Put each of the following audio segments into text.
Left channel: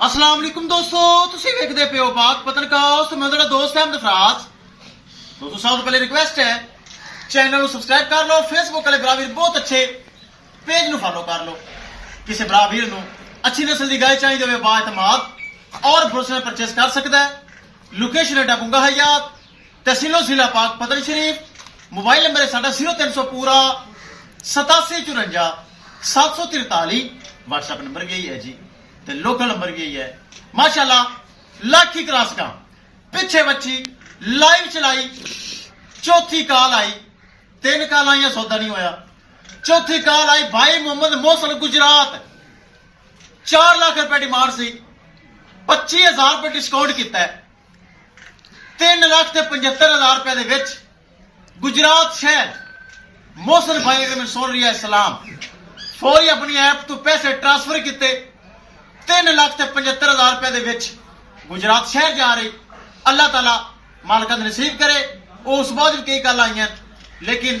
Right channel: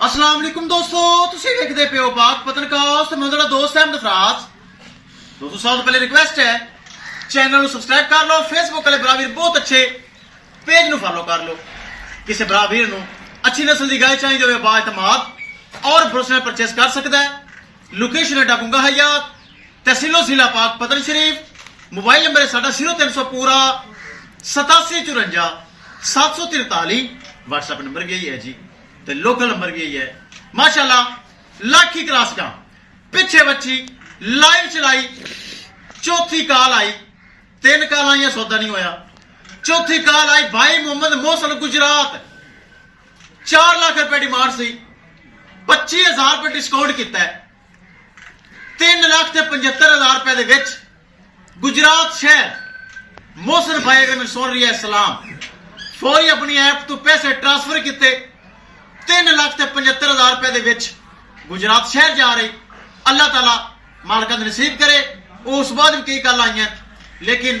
अस्सलाम वालेकुम दोस्तों, तुसी देखदे पियो पाक पतनकास्ट। मैं तुहाडा दोस्त अहमद फराज। दोस्तों सब तो पहले रिक्वेस्ट है चैनल सब्सक्राइब कर लो, फेसबुक वाले भरा वीर बहुत अच्छे पेज नु फॉलो कर लो। किसी भरा वीर नु अच्छी नस्ल की गाय चाहिए होवे बाएतमाद और भरोसे में परचेस कर सकता है। लोकेशन है डाकूंगा हयात, तहसीलो जिला पाक पतन शरीफ। मोबाइल नंबर है साडा 0300 पूरा 8754 743। व्हाट्सएप नंबर भी यही है जी, तो लोकल नंबर भी यही है। माशाल्लाह लाखी क्रॉस का पिछे बच्ची लाइव चलाई, चौथी काल आई, 3 काल आइया सौदा नहीं होया। चौथी काल आई भाई मोहम्मद मोहसन गुजरात, 4 लाख रुपए डिमांड सी, 25,000 रुपए डिस्काउंट किया है। 3,75,000 रुपए दे विच गुजरात शहर मोहसन भाई अगर मैं सुन रही है सलाम फौरी अपनी ऐप तो पैसे ट्रांसफर किए। 3,75,000 रुपए दे विच गुजरात शहर जा रही। अल्लाह ताला मालका ने नसीब करे। उस बाद भी कई कल आई लेकिन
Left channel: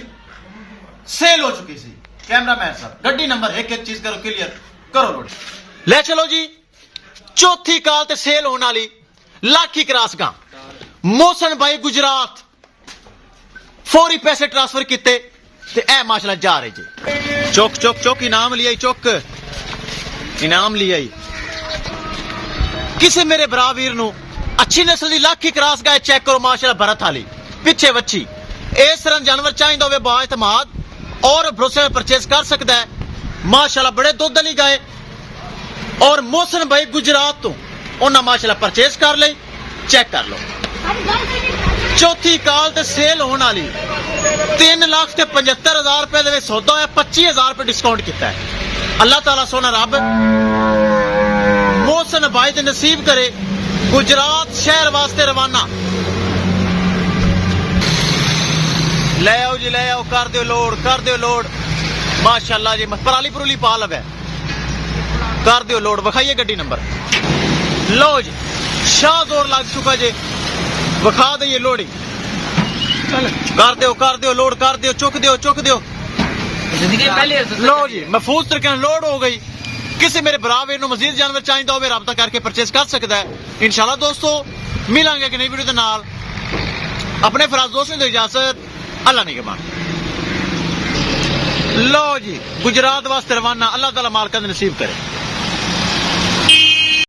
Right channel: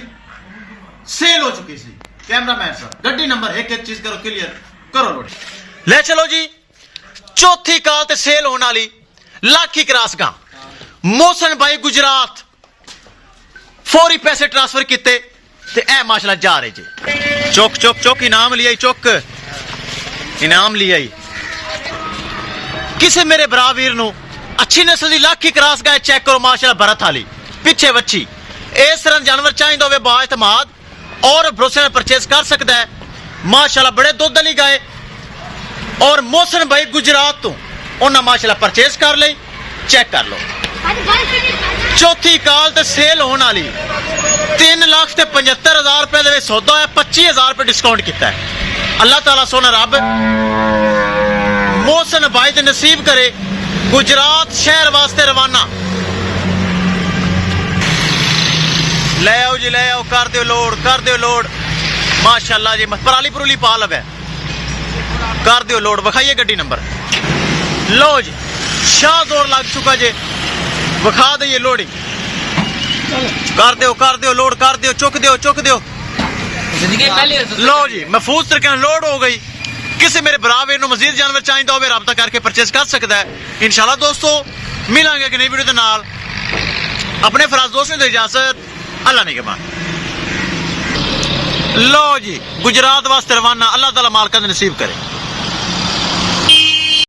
सेल हो चुकी थी। कैमरा मैन सर गड्डी नंबर एक चीज करो क्लियर करो लोड ले चलो जी। चौथी काल ते सेल होने वाली लाखी क्रॉस का मोहसन भाई गुजरात फौरी पैसे ट्रांसफर किए ते ए माशाल्लाह जा रहे जी। चौक चौक चौक इनाम लिया, चौक इनाम लिया। किसी मेरे भरा वीर नु अच्छी नस्ल की लाखी क्रॉस गाय चेक करो माशाल्लाह भरत वाली पिछे बच्ची। इस तरह जानवर चाहिए होवे बाएतमाद और भरोसे में परचेस कर सकता है। माशाल्लाह बड़े दुध वाली गाय और मोहसन भाई गुजरात तो उन्हें माशाल्लाह परचेस कर ली। चेक कर लो चौथी काल ते सेल होने वाली 3,75,000 रुपए दे सौदा है। 25,000 रुपए डिस्काउंट किया है। अल्लाह ताला सोना रब मोहसन भाई ते नसीब करे गुजरात शहर वास्ते रवाना। ले आओ जी, ले आओ, कर दो लोड, कर दो लोड। माशाल्लाह जी पराली परूली पा लवे, कर दो लोड। विखाइए गड्डी नंबर। लो जी शाह जोर लग चुका जी, विखा दे लोडिंग। कर दो लोड, कर दो, चुक दो, चुक दो। लो जी महफूज तरीके लोड हो गई। किसी मेरे बराबर नु मजीद जानवर चाहिए हो राबता करके परचेस कर सकता है। इंशाल्लाह दोस्तों मिलांगे कि नई वीडियो के नाल। अपने फराज दोस्तों को इजाजत, अल्लाह ने के मान। लो जी गुजरात वास्ते रवाना। अल्लाह ताला मालका नसीब करे।